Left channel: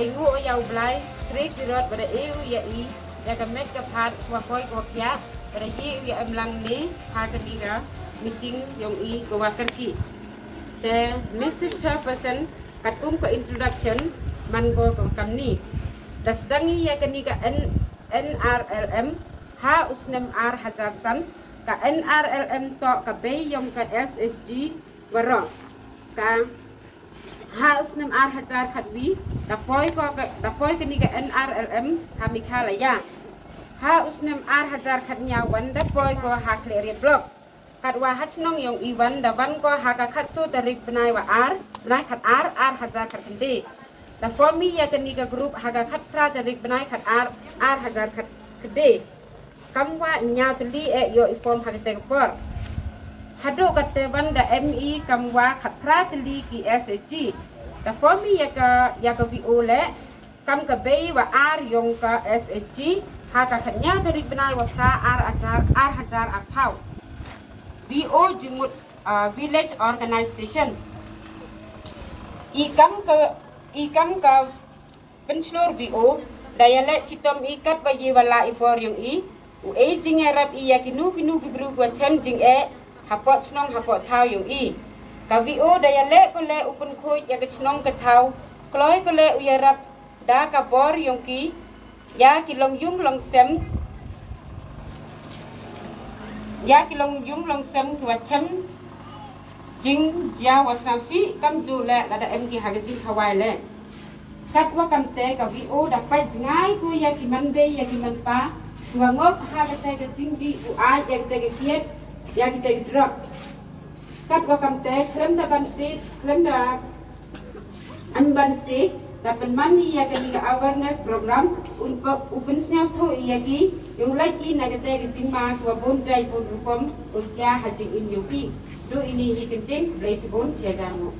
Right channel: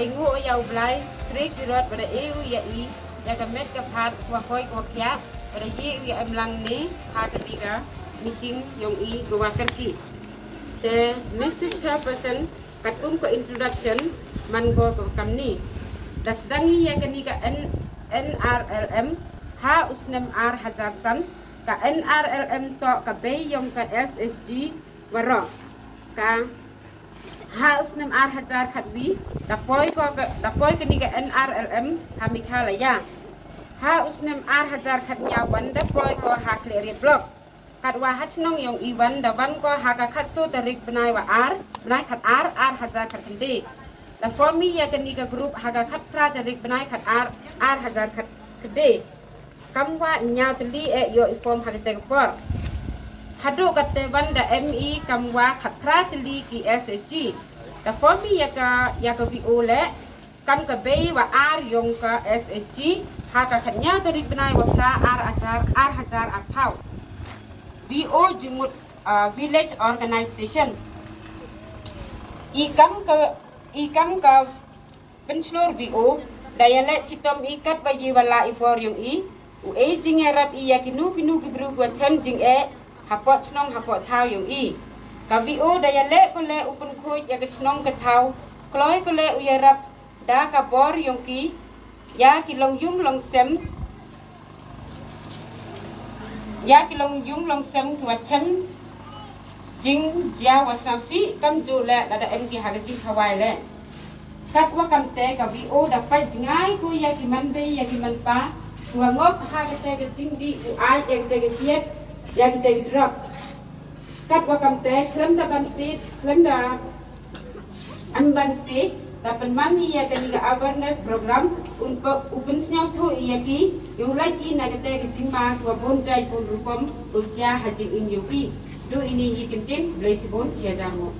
engu oyau blai trik kirot pada eu ya I ya kamet kapat wa koi ko kya pada ye ya amlang ni ha ketiga meeting yang I gua kerki the message person katum ke introduction man go ke kamni das dangi ya gani ka NRLM ha usnem R hajar san ka NRLM to ka be yang ka SSG waro ka ha usnem R hajar khatwi da poi ke ni ka NRLM ha mikhala ya ha usnem R hajar khatnya wan da poi ko ha clear block kat wa hat nong yang iwan da wan ko ha ka khat so tarik benai wa R benai khat R hajar khat kende da formi ya ke ni ka group ha ka khat fra tarik benai khat R hajar khat kende kam wa nyau teli yo iform ha te por hado kate wanda ME kam wa khat pra teli ki SG da formi ya ka VO le kam ka be wa R yong ka SG ha ka khatnya tarik benai wa pra R hajar apau VO jumut village organization ikam ka penslur VO daya le citom ikat bagi wala ipor yung jing arab ya kinu gibru gua chan jing hapot snong hapot thau yung ka VO daya le ko le upun khuj ya snong ka thau kloi ko le uyarap da ka bor yung ya kilong yung long sem kwa chem jing jia wa sausi kam ju le la da em ki ha jing hawai le kat wa kam te ka VO da pai jingai ku ya ki man be ya ki man pa wa ngop ha ka te ka jing bi u ai ya te ka siet ya ki te drop kat wa kam te klem da ban si klem da an ban si da pen man ni ya ka ni ka awareness program upun snyau thu ya ki yung lagi na ka te ka jing ma ku bon jai pun rukom u ja ha jing in yu ki do ini hikintin blai sibon chejamu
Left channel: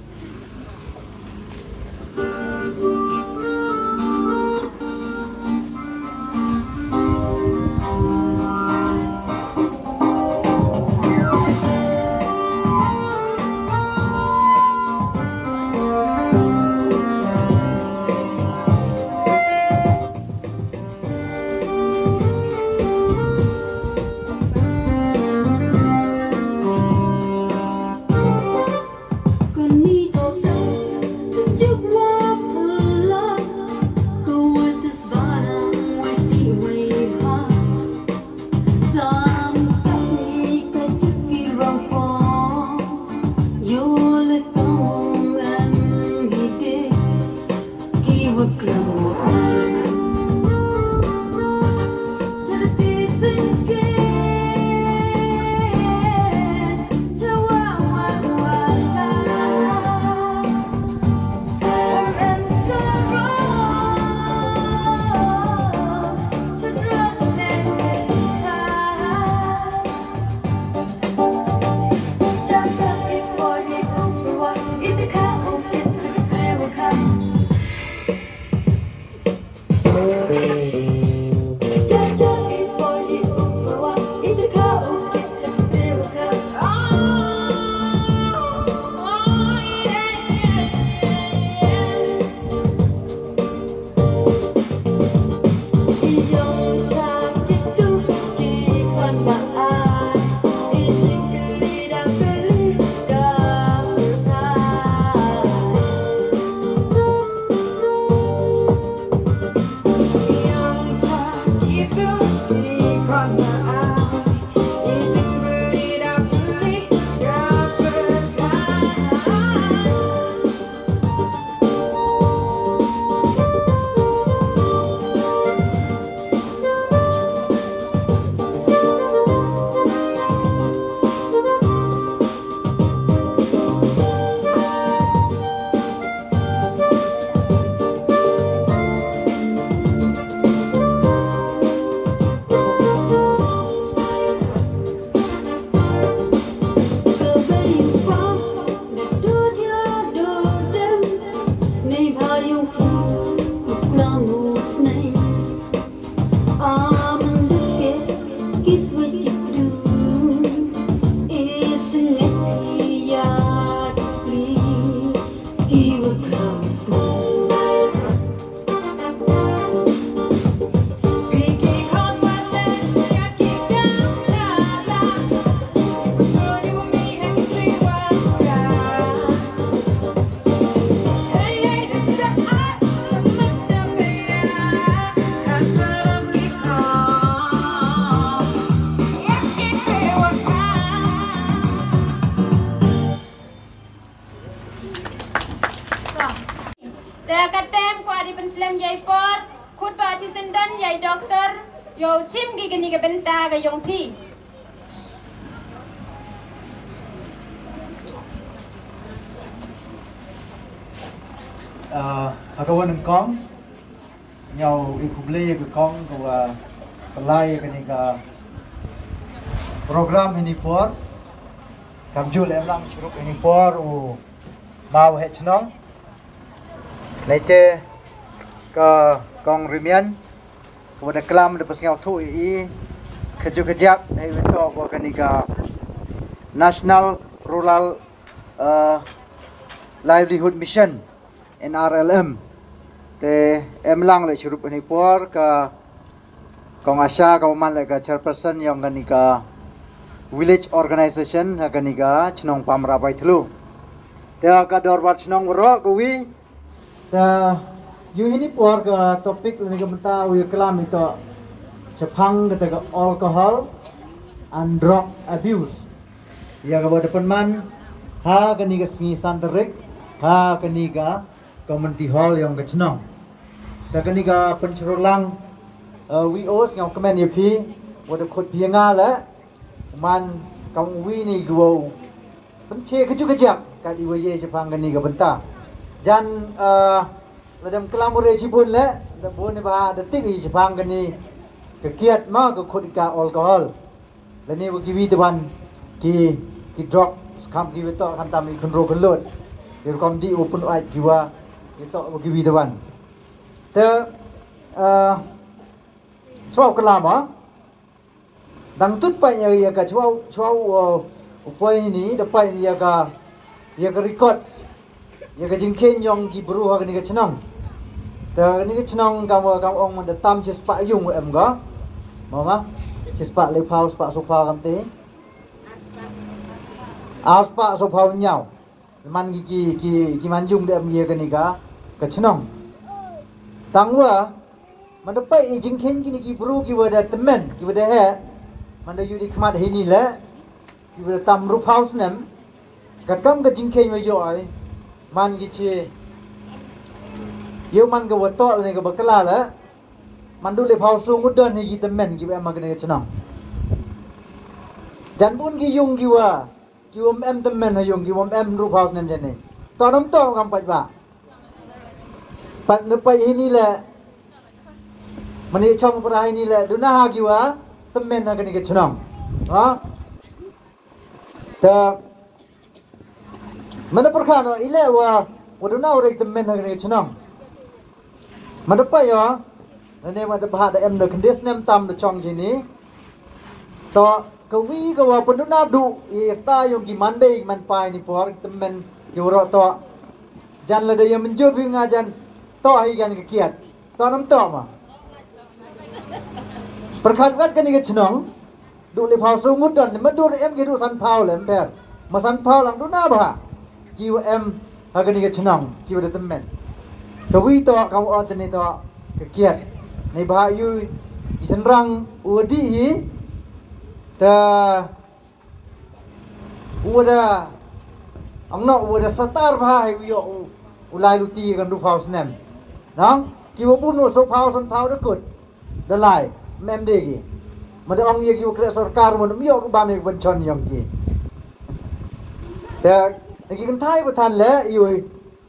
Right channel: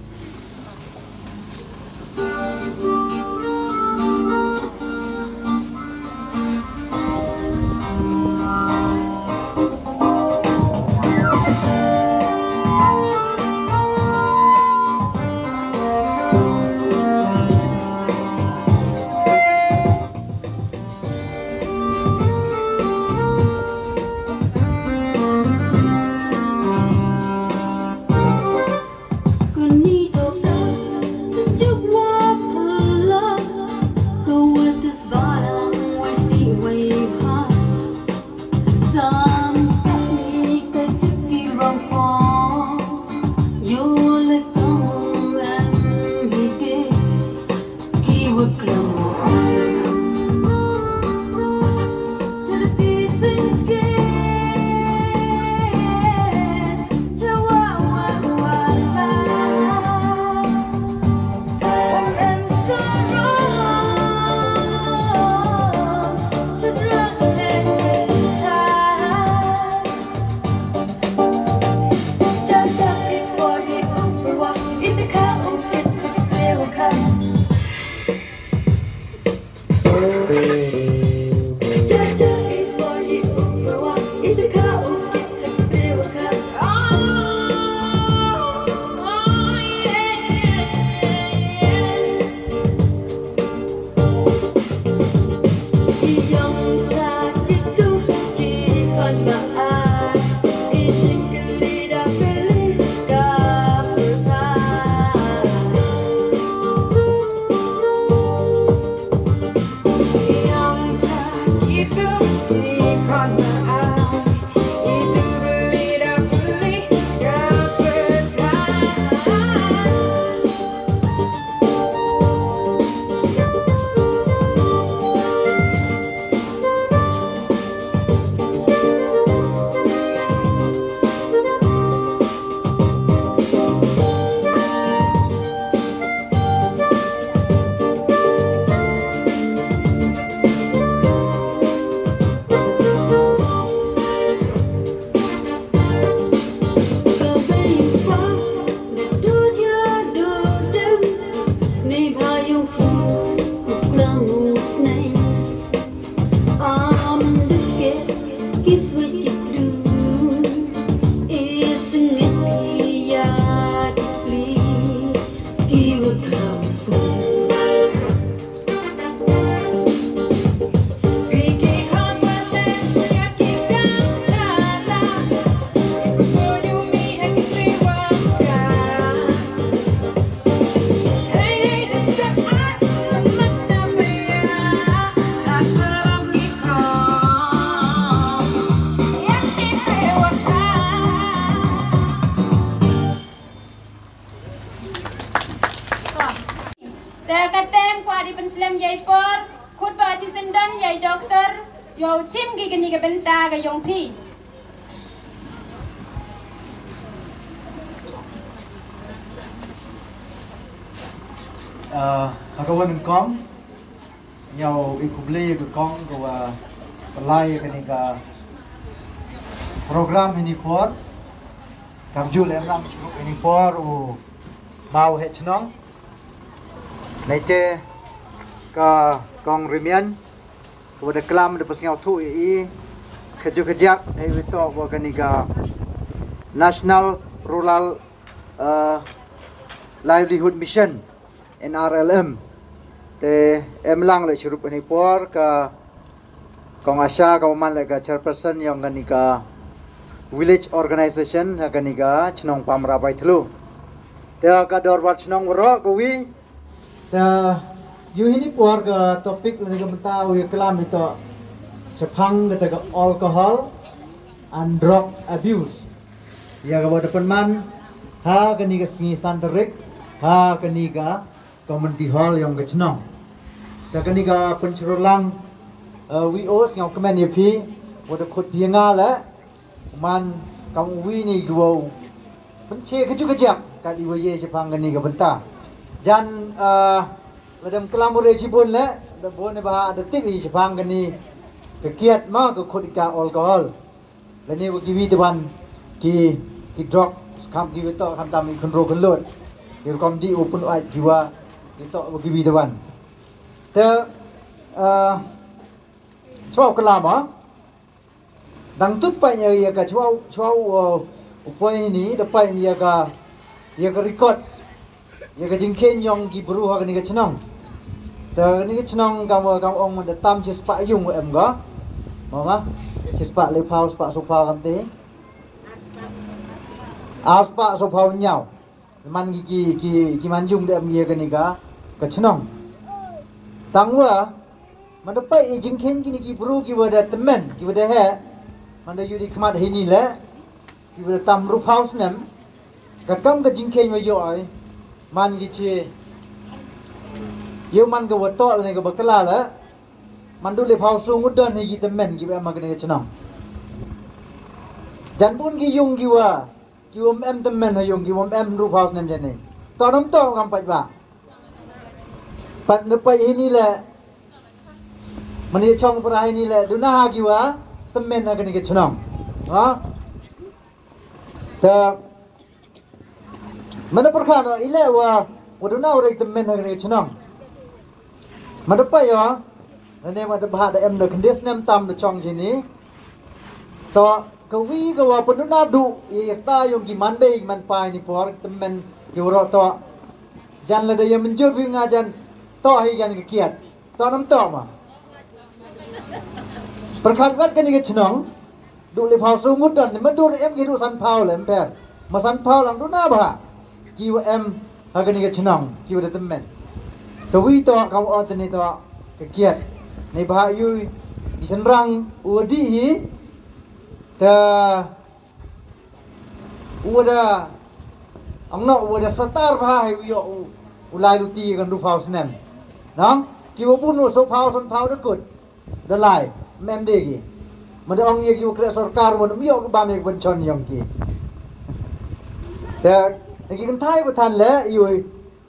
yai por khut ba ti sendan yai doktor yo sim gi gini ga benta ga yong pi kawan kong nhau ikubli ke kong ke pelai ke ni ke program ini por kamjul emlang syuruk ini por mau het chnong Laite ke kong rimian udah kelam de pasngau thu i kejak itu apa kanika National Rural Livelihood Mission NRLM te emlang le churup ni por ka kong asya ka man le ka chairperson yang kanika village organization kanika chnong Pamrapaithlu te ka dorbat chnong ro kuwi ta yu ini por ka topik ni ka mata wi kelam itu Jepang kata alcohol and drug abuse ya ka boda penman ha kanika singi santerik ha kanika community hall yang kecnong ta kanika pencerolang V.O ngau kemen yepi boda khot pianga la man kang wi ni guo penche kejak ka di ye Jepang kanika benta jan ladam kelamure sibun la da bon ba da tik i Jepang kani kekiat ma ko khotika alcohol lani wo giwi dewan ki drug kam giwi to kan tam i control kelut ir kom di open ai jiwa itu wo giwi dewan te chwa kelama dang tut pai ya ka chwa upoi ni da pai ya ka record ya ka jingken yong ki bru ha ni ka chnong te ni ka chnong kam ong man da tam chis pa yung em ga ma chis pa le phao pa so phao kam te as pa so phao nyao man ki man yung de em ye ka ni ka chnong tang wa man da pai jingken ki ni ki bru ki wa da temen ki wa da he man da yudi khmat he ni le ki wa tam ru phao snem ka kam ka jingken wa yo ai man gi che yo man ga wato ne ga bakala la man du le phau su ngudon ni gi temen gi em ma ga ne chnam jan bun gi yung gi wa gi em temen ha yung gi em ru phau nem jan ne to nam to kam pai ba pat ne pai ni la man ni chong pra ni la du na ha gi wa temen ha ga ne chnam ha ta mana perkara ile wa waduna orang temen hari chenam mana pa ya nene ma bah da em da kendis nem tam da chong sini to kawi ka wa paduna du i ta yung ki man be man pai ni por temen ki ro to jan la da ya menjur wi ngajan to hi gan ki kiat to nam to ma perkara wat kan ni chenam du le phau su mut dan ma du em ki du san phau le per ma san phau lang du na ba kiu em agani ke chenang kiu de temen to wi to kam o tene to ke kiat nei ba yu isenrang udi hi ta uda angno uda satar ba hai wi ulai luti kan du phau snem nang kiu bu no so phau san phau de kut de lai mem de gi ma de ong ye kiu kre sarkar mo mi o ba me ban chon yong ki ta lagi kan thai betan le ioi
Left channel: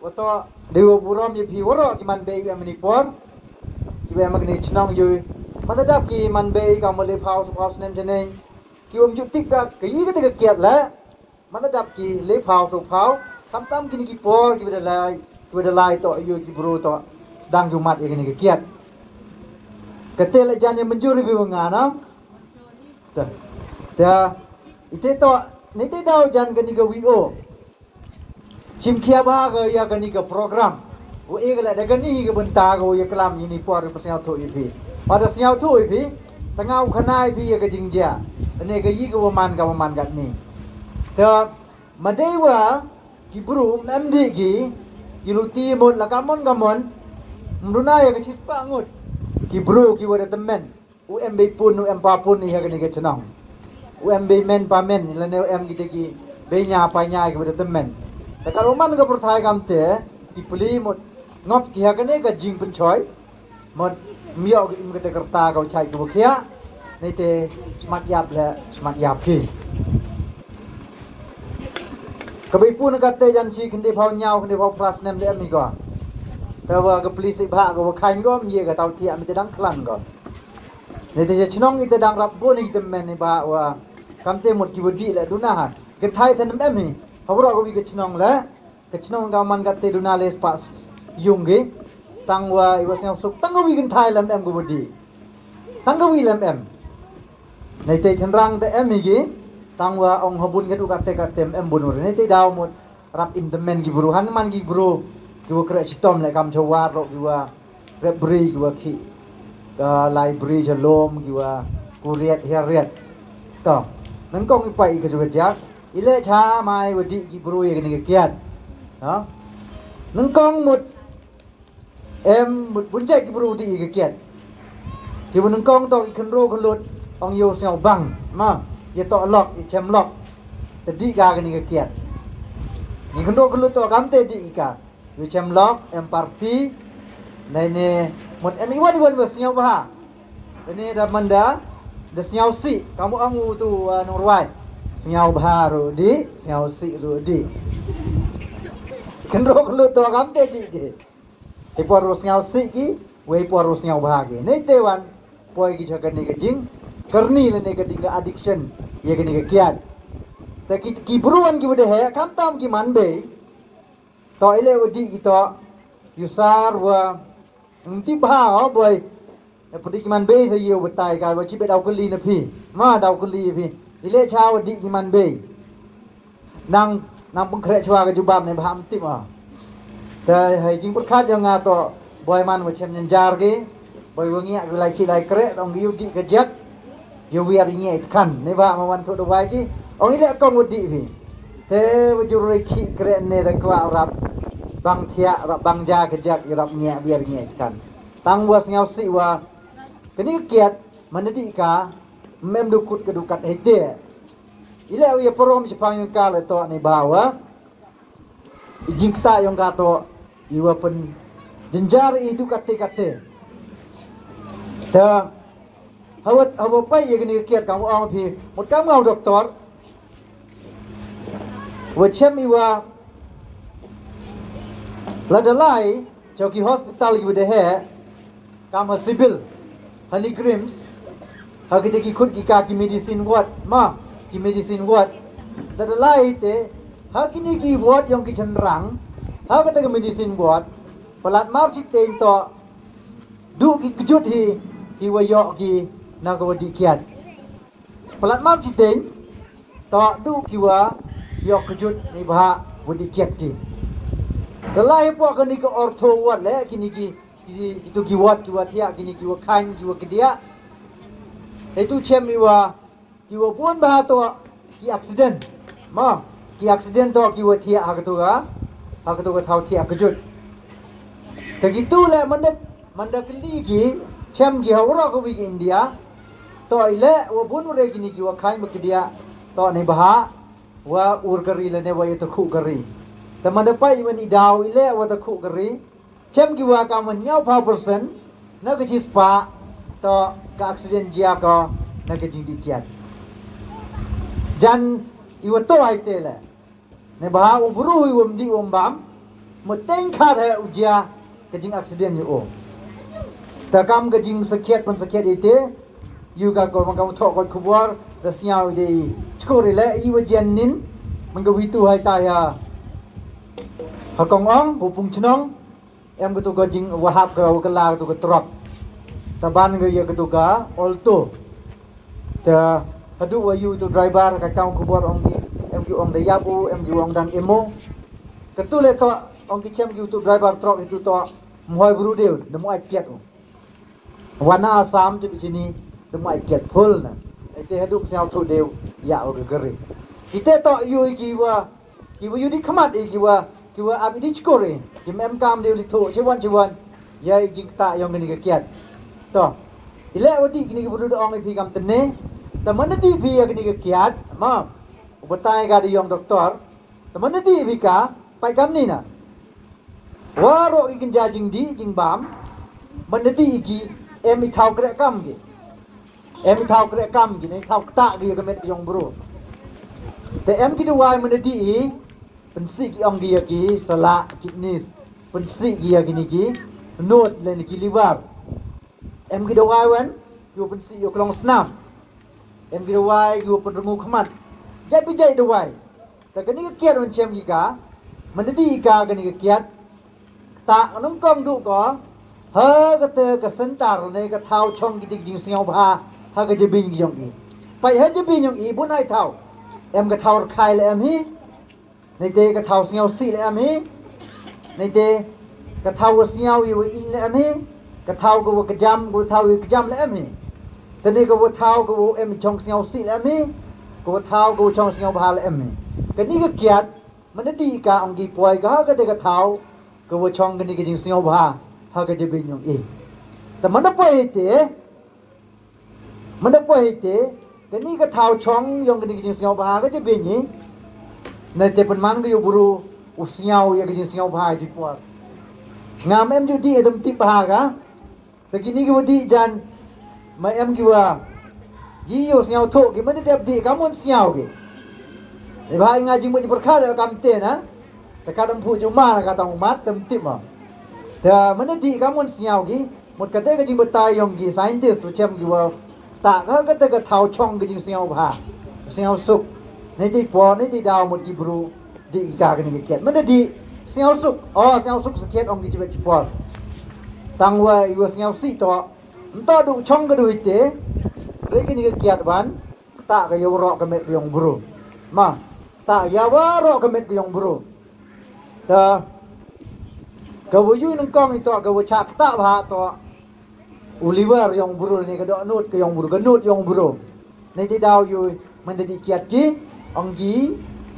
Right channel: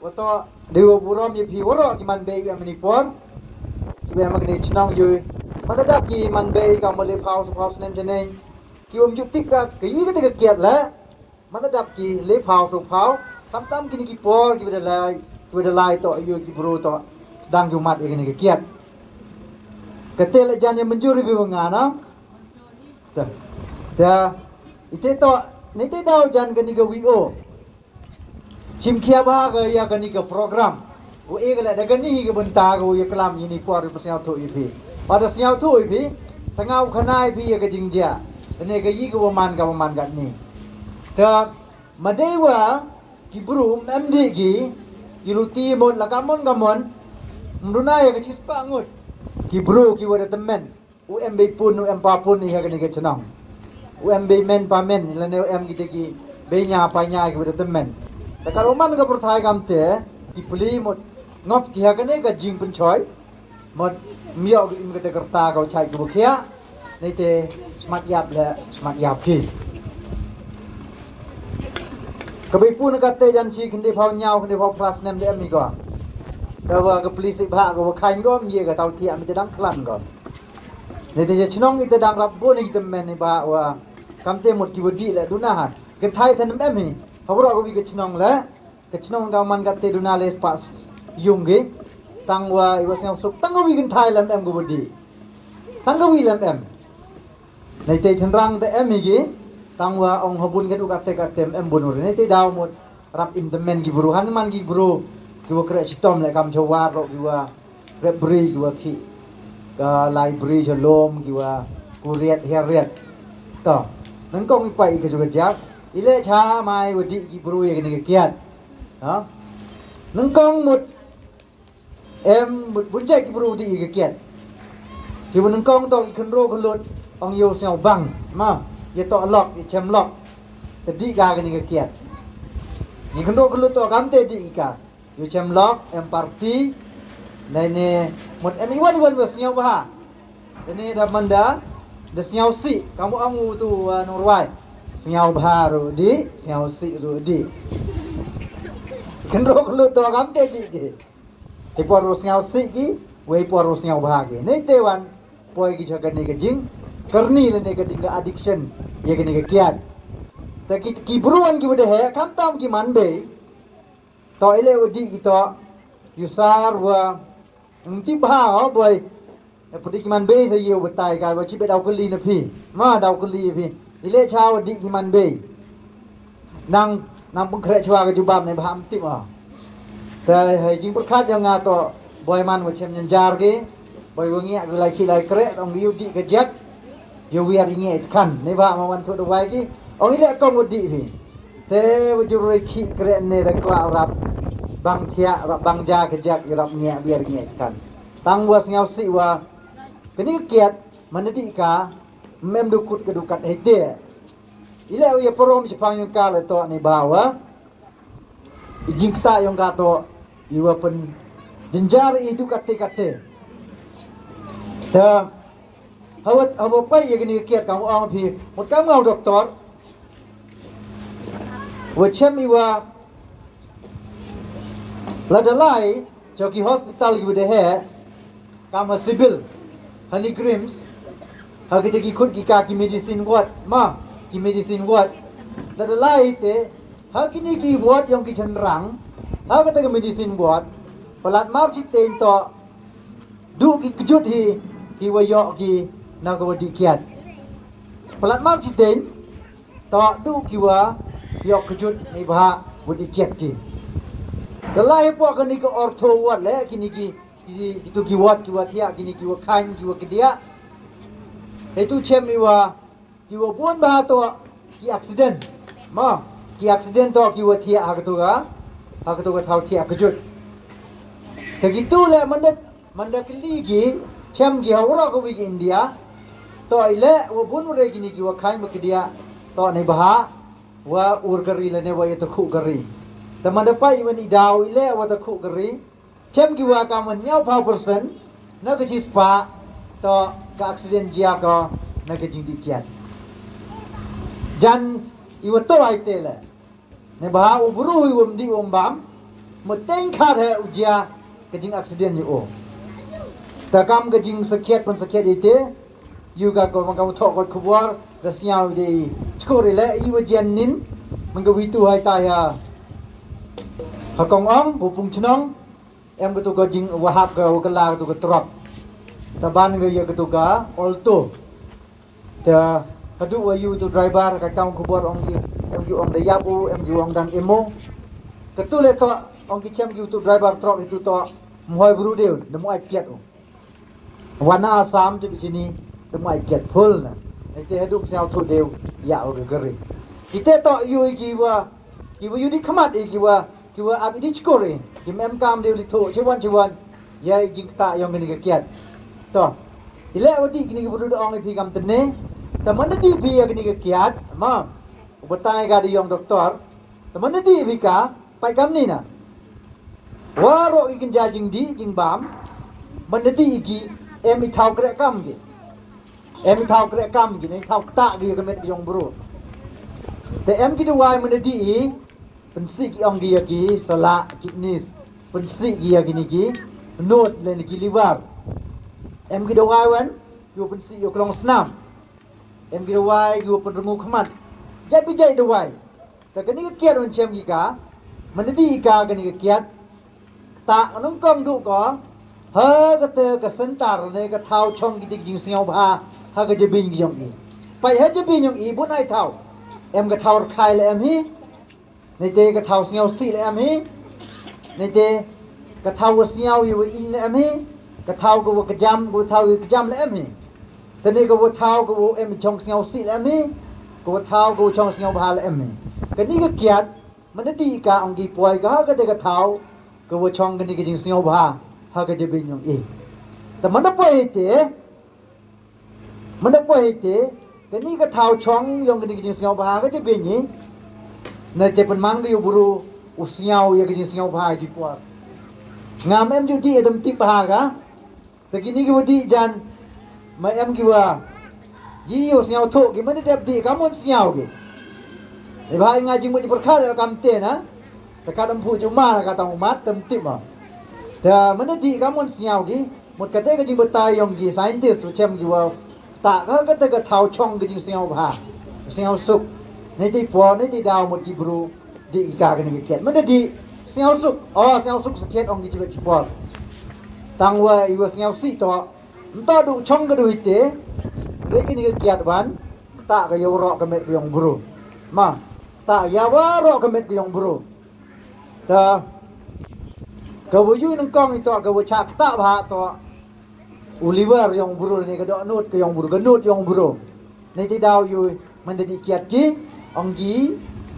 wato dewa buram ye phi woro ki man be ga mani por ki be magni chnong yoi mata da ki man be ga male phau nem jene ki om ju tik ga ki ga te kiat la mata da ki le phau so phau kam tam ki ni ki por ki be da lai to yoi ki bro to sedang jumat ye ni ki kiat ketel jan ye menjuri bi ngana ta ite to ni te dau jan ga ni ga V.O Cimkia baga ya kani ke program. Wo egala da kani ke benta go ya kelam ini por persau tu ipi. Pada siau tu ipi tengau khanai pi ya ke jingja. Ane ke yi ke waman gat ni. Ta madewa ki buru MD gi iluti mon la kamon mruna ya ke cispa ngut. Ki buru ki wada temen. UMB pun UMP pun ya kani ke cenang. UMB men pamen la ne UM kita ki benya panya ke wada temen. Kalau man ka perthai kam te ki pli mot ngop ki ha kane ka jing pen choi mod miok im kata kerta kau cai ku kia ni te smart yap le smart yap ki kebai pun kata janji kendi phau nyau kendi phau pras nem le mi ko tawa ke polis bha ko khain ko mi ka tau ti am te dang klan ko ni te chnong ite dang rap bo ni te men ni ba wa kam te mot ki bodi le duna ha ke thai than em mi hawra ko bi ke chnong le ke chnong ga man ka te duna le pas yung ge tang wa I was nyau suk tang ko bi kan thai lam em ko bodi tang ko wi lam em nei te chenrang te em mi gi tang wa ong hobun ke du ka te em bun ur nei te daw mot rap in the men gi buru han man gi buru ki kre sitom le kam chawar ro gi wa kre bri gi wa ki ka library jalom ki wa kuriat heriat to nan kong I pai ke juga jak ile cha mai wadi gi buru ye ni ke kiat ha nan kong mut em mut bunjai gi buru di ke kiat ki nan kong to ki khnro khlut ong yo sel bang ma ye to lok I chem lok tadi ga ke ni ke kiat ni khnro khlut to kam te di ka yo chem lok em party này nè một em iwan iwan vừa siêu ba ini dah manda dah siêu si kamu angu tu norway siêu ba rồi đi siêu si rồi đi kendro kalau tu agam te ji ke te por siêu si ki wei por siêu ba ke nei te wan poi ki jaga ni ke jing karni le ne ke ding addiction ye ke ni ke kiat ta ki buruan ki bude he kam tam ki man be to ile odi ki to yusar wa ti ba boy pudi man be se yo betai ka wa chi be daw kuli na phi ma daw kuli phi ile chao di man be nang pung khre chwa ka jubam ne bham ti ma te hai jing pur kha jang nga to boy man wa chem jar ge boy wa ngia ku lai khi lai kre ong yu di ka jak yo wi ari ngia khan ne ba ma wan thu do wai ki ong ile kong wa di phi te wa ju roi khi kre ne da kwa rap bang thia rap bang ja ke jak rap ngia biar ngia kan tang was nyau si wa kini kiat manadi ka mem dukut ke dukat hete ile ya porom sipang yung ka le to ni bawa ijing kita yung ka to iwa pen jenjar itu kate ta hawat pai ye kini kiat kamu ang phi một kam ngau doktor wa chem iwa ladalai choki hospital ki bude hai kama civil hani crims hagite ki khud ki ka ki medicine wat ma ki medicine wat ladalai te hakini ki wat yong ki chenrang hagate ki medicine wat palat mar chi ten to du ki kjut hi ki wayo ki na ko di kiat palat mar chi ten to du ki wa yok kjut ni ba budi kiat ki dalai po kini ke ortho wat le kini ki itu ki wat ki watia kini ki wakan ki wakia itu chemi wa ki wa pun ba to ki accident ma ki accident to ki watia agatu ga thau thia kejut begitu le mandat kli ki chem ki hawra ko wi India to ile wa pun re kini ki wakan wakia to nei ba wa ur kari le ne wa itu khu kari teman dapat iwan idau ile wa ta khu kari chem ki wa ka man nyau pa persen na ke chispa to ka accident jia ko na ke jing dikiat jan iwa to ai te le ne ba u buru iwam di bam mo teng kha he ujia ke jing accident ni o ta kam ke jing sakiat ite yu ga ko ma kam tho ko khubor da siau de chkore le iwa jan nin man ga witu hai ta ya hakong ong upung chnong em ketu ka jing wahab ka wakala ketu ka trop taban ga ya ketu ka alto ta hadu wa yu tu driver ka kaung kubor ong gi em gi ong da yapu em gi ong dan emo ketu le to ong gi chem gi tu driver trop itu to moi bru deu de moi kiat wana asam ti sini de moi kiat phul na ete hadu psau thu deu ya o gari kite to yu gi wa yu di khamat gi wa kiwa ab di chkore di mem kam de li tho chewan ya jing ta yong ni ka kiat to ile wadi kini buru do ong phi kam tene ta man di phi ya kini ka kiat ma ubatai ga di yong doktor ta man di phi ka pai kam ni na waro ikin ja jing di jing bam menjadi igi tahu kerekam gi tahu kerekam gi ni tahu tak gi kemet yang bro te kita wai menjadi pensik yang dia gi salak kidneys pensik dia gini gi node len gi liver kita wai wan yo pensik yo kelong senam kita wai yo pendengu khamat jai bijai de wai te kini kiat wan chem gi ka menjadi ka kini kiat tak nong kong du ko ha kata kesentar ne ka thau chong gi dik jing siao bha ha ka jebin gi yong i pai ha jebin yong i bu nai thau ka thau khai le hi nei te ka thau siao si le hi nei te ka thau siao yu in le hi ka thau ko ka jam thau ka jam le hi te ne ko thau ko chong siao si le hi ko thau ko chong siao bha le hi ka ni ka kiatมันได้ดีกาองกีป่วยก็ก็ได้กระเท้าก็ว่าช่องกันนี่ก็จริงเสียวบ้าฮะก็จะเป็นอย่างเองแต่มันได้ป่วยเตะแต่นี่กระเท้าช่องยังกันนี่ก็จริงเสียวบ้าก็จะเป็นอย่างนี้ในเตปนมันก็อยู่บรูอุเสียวยังก็จริงเสียวบ้าจีป่วยงามอยู่ดีเอ็มติบ้ากะแต่กินนี่ก็ว่าดีจันมากี่ว่ายี่อยู่เสียวโถกี่มันได้เด็บดีก็มันเสียวกี่Ibarat ngaji mu diperkara kamte na. Takadam pu cuma na kata umat temtip ah. Da mana di kamun siau gi, mut kata ke jing betai yong gi scientist macam gi wa tak ka kata ke thau chong ke jing siau ba. Siau suk. Ni di po ni di daw mut gi bru di ka ke ni ket. Mana di siau suk. Oh siau suk sekian ong gi cibet cipol. Tang wa iwa siau si to. Entah du chong ke duit te. Lagi ni kiat ban. Tak ke yo ro ke met yong bru. Ma tak ya waro kemet yang bro ta kawu yu nang kong itu kawu chak tak ba to Oliver yang bro ni ka do nut ke yang bro ka nut yang bro ni ti daw yu man di kiat ki ong gi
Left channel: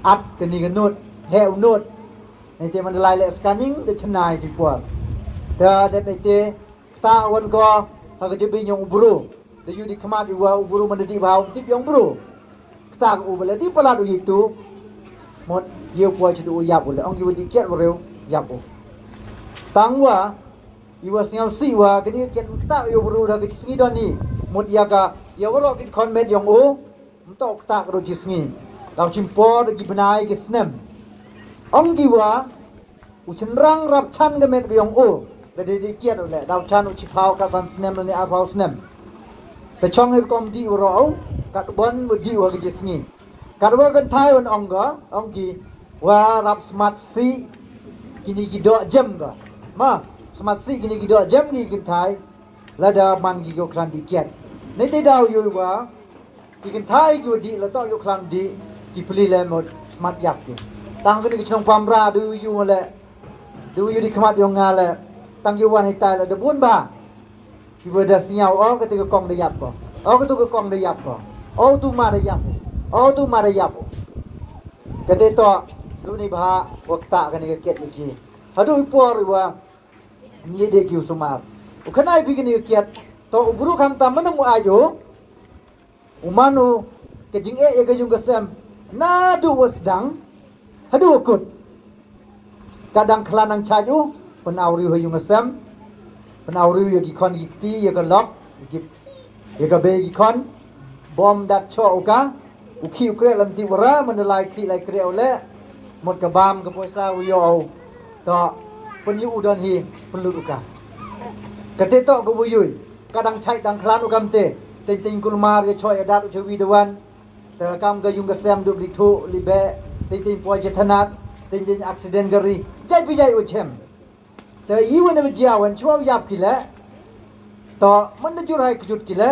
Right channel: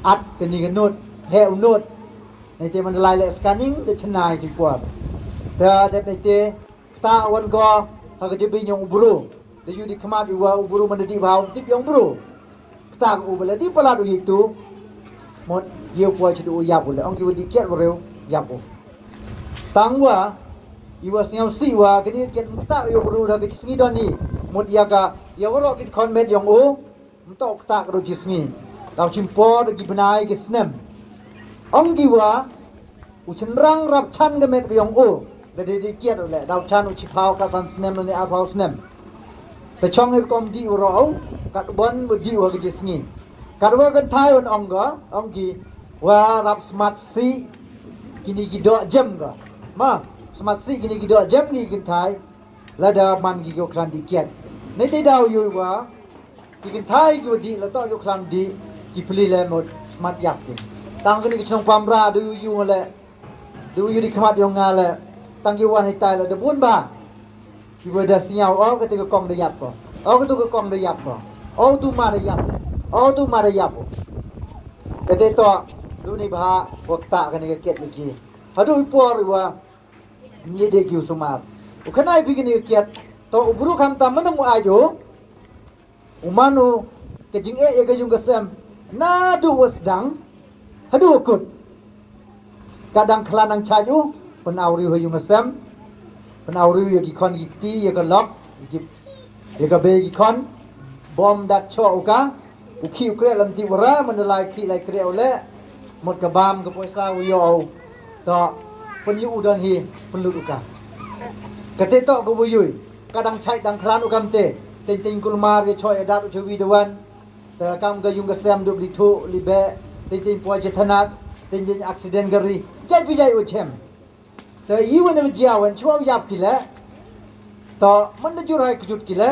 at ke ni ka nut he nut ni ti man lai le scanning de chnai ti por ta de te ta wan ko ha ka ji yang bro de yu di khamat yu wa bro man di ba ti yang bro tak ubala di pala du itu mod ye po chi du ya bula ong ki di ket bo reu ya bo tang wa iwa siao si wa ke ni ket ta yo bru da ke singi don ni mod iaka ya wo ki kon met yong o mtok ta ro ji singi law chim po de ki banai ke snem ong ki wa u chenrang rap chan ke met yong o de di ket le daw chan u chi phao ka san snem ni a phao snemแต่ช่องให้กอมดีอุรอกัดบอลบุดีว่ากิจสงีกัดว่ากันไทยวันองก็องกีว่ารับสมัตสีกินกิดอเจมก็มาสมัตสีกินกิดอเจมนี่กันไทยแล้วดามันกิโยคลันดีเกียรในที่ดาวอยู่ว่ากินไทยกิดีแล้วต้องโยคลันดีกิพลีเลยหมดสมัตยักกินตั้งกันกิช่องความราดูอยู่มาเลยดูอยู่ที่ขมัดยองงานเลยตั้งอยู่วันให้ตายแล้วเดือบุญบ้าIbu dah siau, oh ketika kong dia apa, oh ketika kong dia apa, oh tu mana dia apa, oh tu mana dia apa. Ketika tu ni bah waktu kan ni kiat lagi. Aduh ipor iwa ni dia kiu sumar. Ukanai bikin ni kiat, to uburu kan taman mu ayo, umanu kejing ya kejung kesem, nadu wasdang, aduh ukut. Kadang kelanang cayu, penawri huyung kesem. Penawri ya gikon gikti ya ke lok ya ke be gikon bom dak cho uka uki ukre lam ti wara menelai ki lai kre ole mot ke bam ke poisa yo to penyu udan hi pelut uka kate to ke buyui kadang chai dang klan ukam te ting kulmar ye choi adat uchewi dewan te kam ke yung ke sem du li thu li be ting poi jethanat ting accident gari jai pi jai uchemแต่อีวันนี้เจ้าวันช่วงยับกิเลต่อมันจะจุดให้จุดกิเล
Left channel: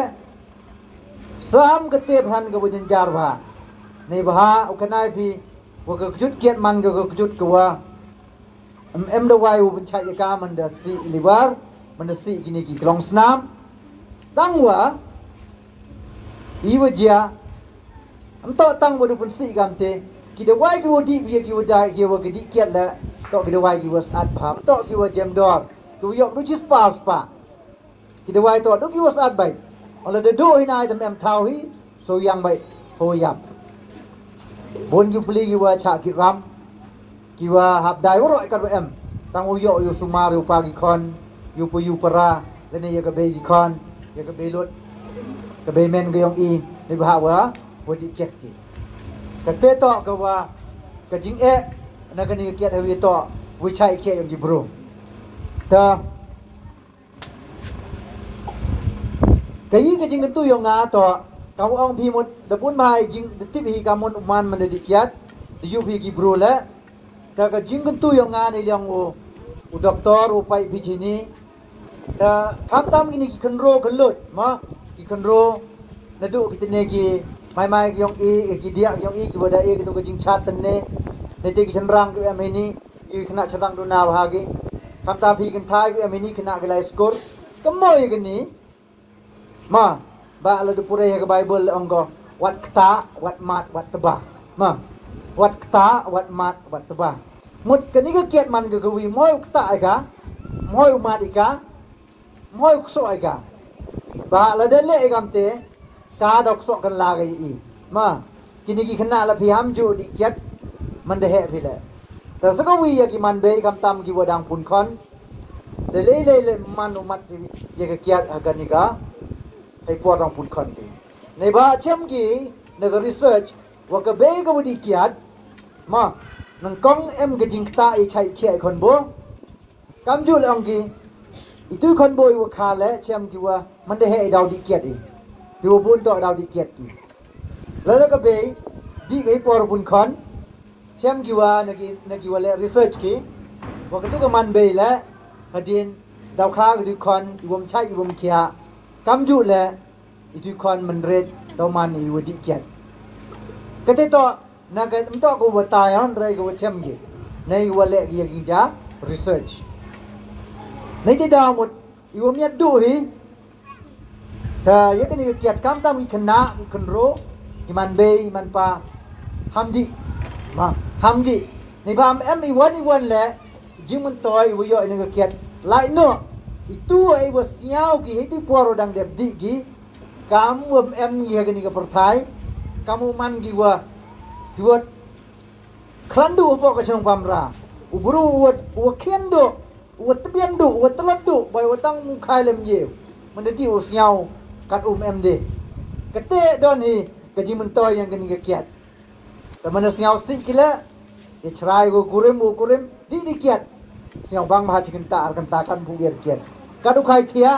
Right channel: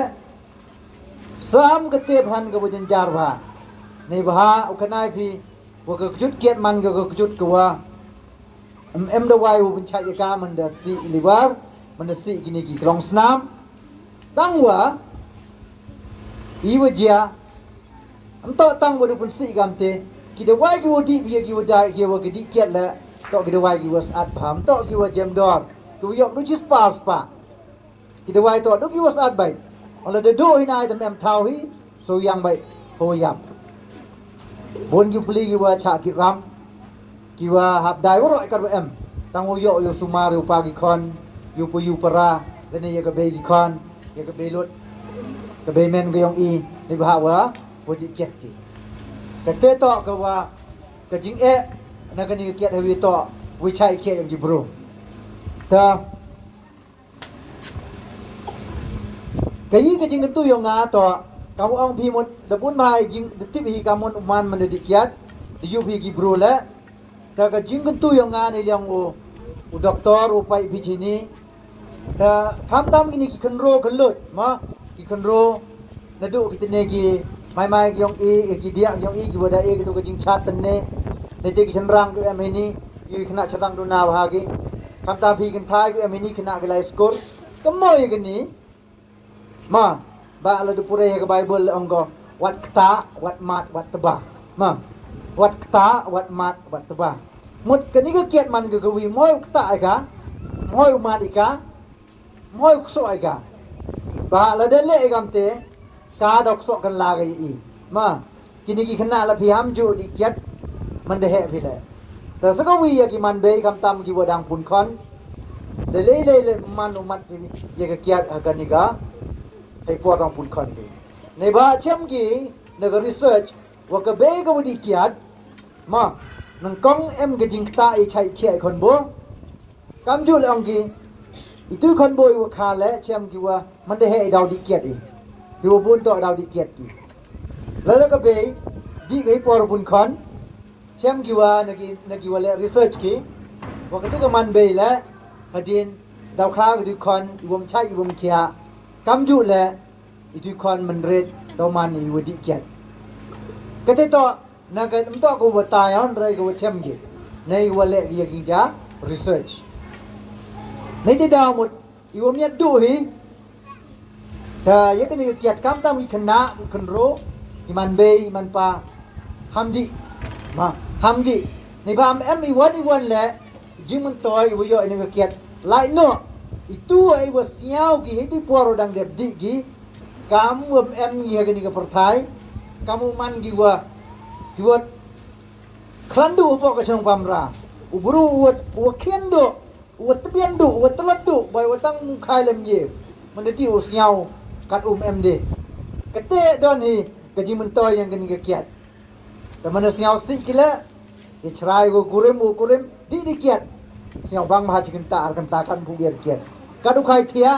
สามกเตพันกับบุญจารวาในบ้าอุคณายพีว่ากับจุดเกียรมันกับจุดกัวดวายอุปชัยกามันเดสีลิวาร์มันเดสีกินกี่กลองสนามตั้งว่าอีวันเจ้าต่อตั้งว่าดูเป็นสีกันเตกิดวายกิวดีกิวได้กิวกิดเกียรละTok kita wai kiwas adbam, tok kiwas jam dor, kiwas du chis spa. Kita wai tok du kiwas adbai. Ola de do hina item em thau hi, so yang bai ho yam. Bon ki pli kiwa cha ki ram, kiwa hab dai ro ikat em. Tang yo sumar yu pagi kon, yu pu yu para, dan ni ya ke bayi kon ya ke bayi lut ke bayi men ke yang i ni bahawa wadi kiat ki ke to ke wa ke jing na ke ni kiat hawi to wi chai kiat yang di bro ta ke yi ke jing tu yang nga to kamu ang pi mot da pun mai jing tip hi kamun uman man di kiat Deijuhhi ki bro la ta ke jing tu yang nga ni yang u doktor u pai bi chini ta kham tam ini ki khenro khelut ma ki khenro na du ki tene ki mai yong ki dia yong ki boda ki tu ke jing chat tene ne te ki senrang ki amini ki khna chatang du na wa ki kham ta phi kin thai ki amini khna ki lai skor kamoi ki ni ma ba la du pure ke bible anggo wat kta wat mat wat tebah ma wat kta wat mat wat tebah mut ke ni ke kiat man ke wi moi kta ka moi mat ika moi kso ika ba la de le gam te ka dok so kan la ga i ma kini ki khna la phi ham ju di kiat man de he phi le ta sa ko wi ya ki man be kam tam ki wadang pun khon de le man umat ye ke kiat aga ni ga ai po dang pun khon ke nei ba chem ki ne ga research wa ka be ga di kiat ma nang kong em ke jing ta i chai khia khon bo kam ju le ong ki itu khon bo i wa kha le chem ki wa man de he daw di kiat i di wa bun to daw di kiat ki la ka be di gai por bun khon chem ki wa na ki wa le research ki wa ka tu ka man be le hadin daw kha ki du khon i wom chai i wom khia kam ju le itu khon man red daw man i wa di kiat ka te to na ka to ko wa ta yon rai ko chem ki nei wa le ki ki ja research nei te daw mot i wom ya du hi ta ye ka ni kiat kam tam ki khna ki khnro ki man be man pa hamdi ma hamdi ni bam em i wan le jing man toy wo yo ni ka kiat lai no itu ai wa siao ki he ti poro dang de di ki kam wom em ye ka ni ka perthai kamu man ki wa klandu po ka chong pamra uburu wa kendo wa tbian du wa tlat du bai wa tang khai lem ye man de ti u siao kat em de kate don hi ka jing man toy yang ka ni ka kiat ta man siao si kila ye chrai go kurim di kiat siao bang ma chikin ta ar kan ta kan pu ber kiat ka du khai thia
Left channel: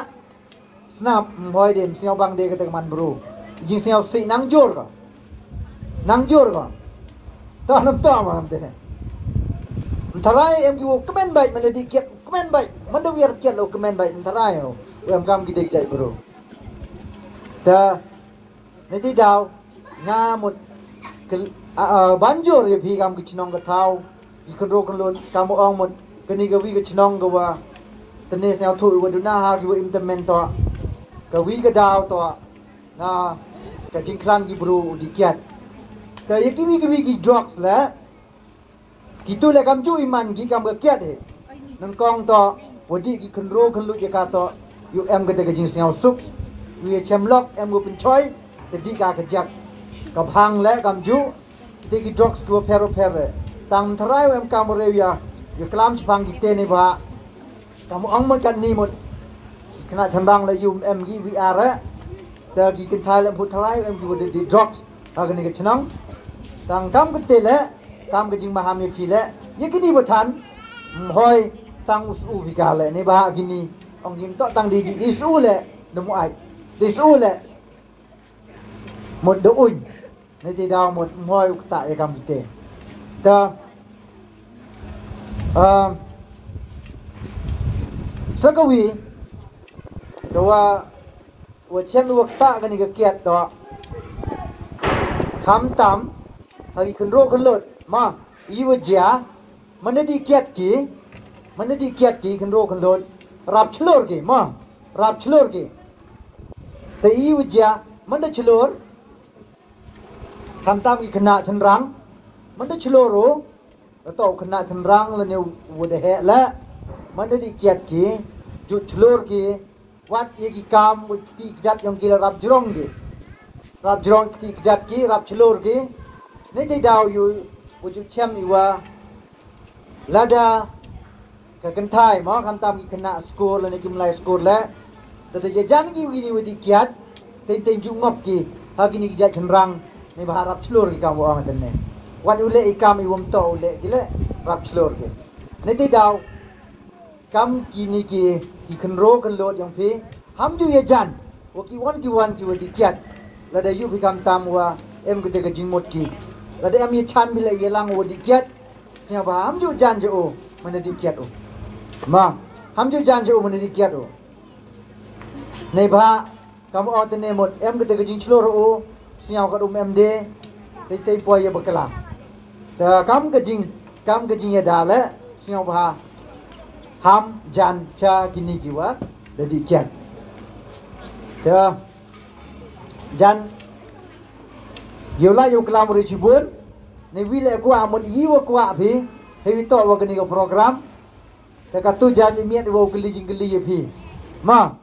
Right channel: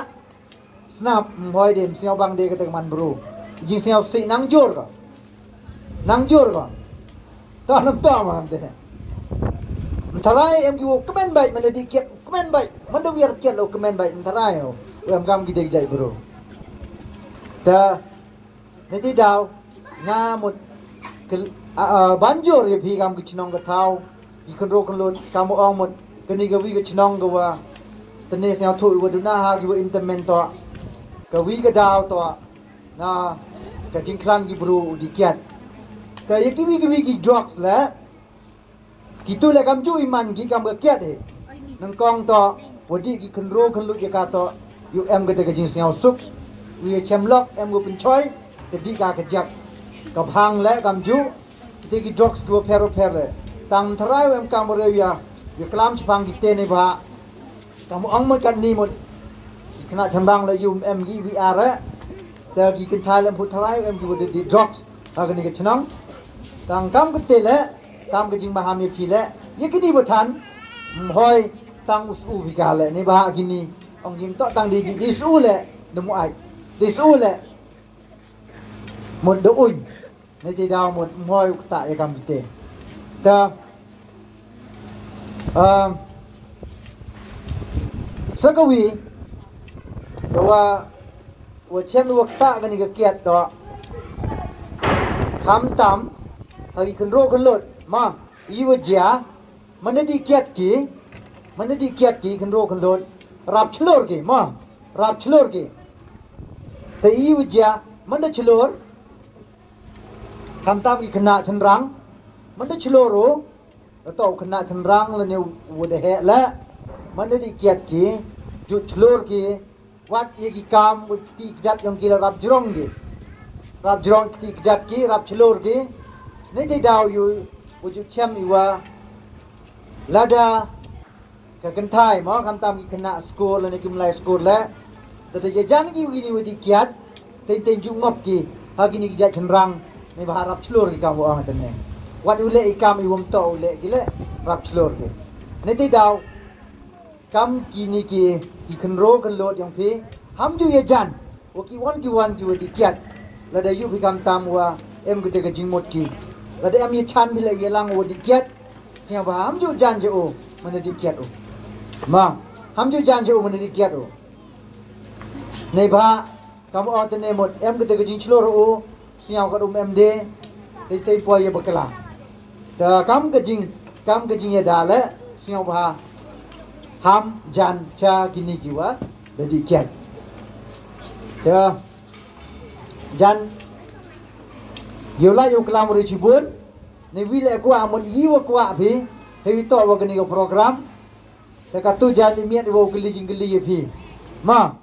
snap hoi dem siao bang de ka ta man bru jing siao si nang jor ka ta nam ta ma am de tharai em ki wo comment bai man di kiat comment bai man da wer kiat lo comment bai tharai ho em gam ki de jai bru ta nei ti daw nga mut banjor ye phi gam ki chnong ka thau ki kon ro kon lon kam ong mot kani ga wi ka chnong ga wa tane sa thu wa du na ha ki wa implement to ka wi ka daw to na ka jing klang ki bru di kiat ka ye ki wi ki drugs la ki tu le kam ju iman ki kam ga kiat he nang kong to wadi ki kon ro kon lu je ka to yu em ga de ka jing siao sup wi chem lok em go pin choi te di ka ka jak ka bhang le kam ju te ki drugs ko pero tang tharai em kam re ya ye klam chpang ki te ne ba kam ong ma kan ni mot khna chandang la yum em gi vi ar ta ki kin thai lam phu tharai em ki de drugs ha ga ni ke chnang tang kam ke te le kam ke jing ma ham ye phi le ye ki ni bo than hoi tang u vi ka le ne ba gi ni ong jing to tang di su le de mu ai di su le một độ ủi này thì đào một ngôi tại cầm tệ ta sao các vị và xem được ta cái này cái kiệt đó khám tắm hay cần rô cần lợn mà ý vật giá mình đi kiệt kỹ cần rô cần lợn rap chlor kỹ mà rap chlor kỹ thì ý vật giá mình đã chlor kam tam ki khna chanrang man de chloro to khna chanrang le ne wo de he la man de kiat ki ju chlor ki wat ye ki kam wo ki jat yang ki rap jrong ki jat ki rap chlor ki ne de daw yu wo ju chem iwa lada ka kan thai ma kam tam ki khna school le ne kim lai school le Tadi jajan ki gini wedi kiat, ten jungop ki, hagi ni kijat cenrang, ni baharap selur ki kamu orang tene. Wat ule ikam iwam to ule gile, rap selur ki. Nanti daw, kam kini ki kenro kenlot yang pi, ham ju jajan, waki wan ki wedi kiat. Lada yu bikam tam wa em kita ke jingmut ki. Lada em ye chan bila ye lang wedi kiat, siapa ham ju jan je o, mana di kiat o. Ma, ham ju jan je o mana di kiat o. Nei ba kamu orang tene mot em kita ke jing selur o, siapa kat em de, tei po ye bekala. Ta kam ke jing ye dale, siapa ham jan cha kini kiwa, jadi kiat. Ta jan yola yo kelam ri cibun, ni wile ku amon yiwa ku api, hewi to wa kini ko program. Ta katu jan imiat wo geli jing geli ye pi. Ma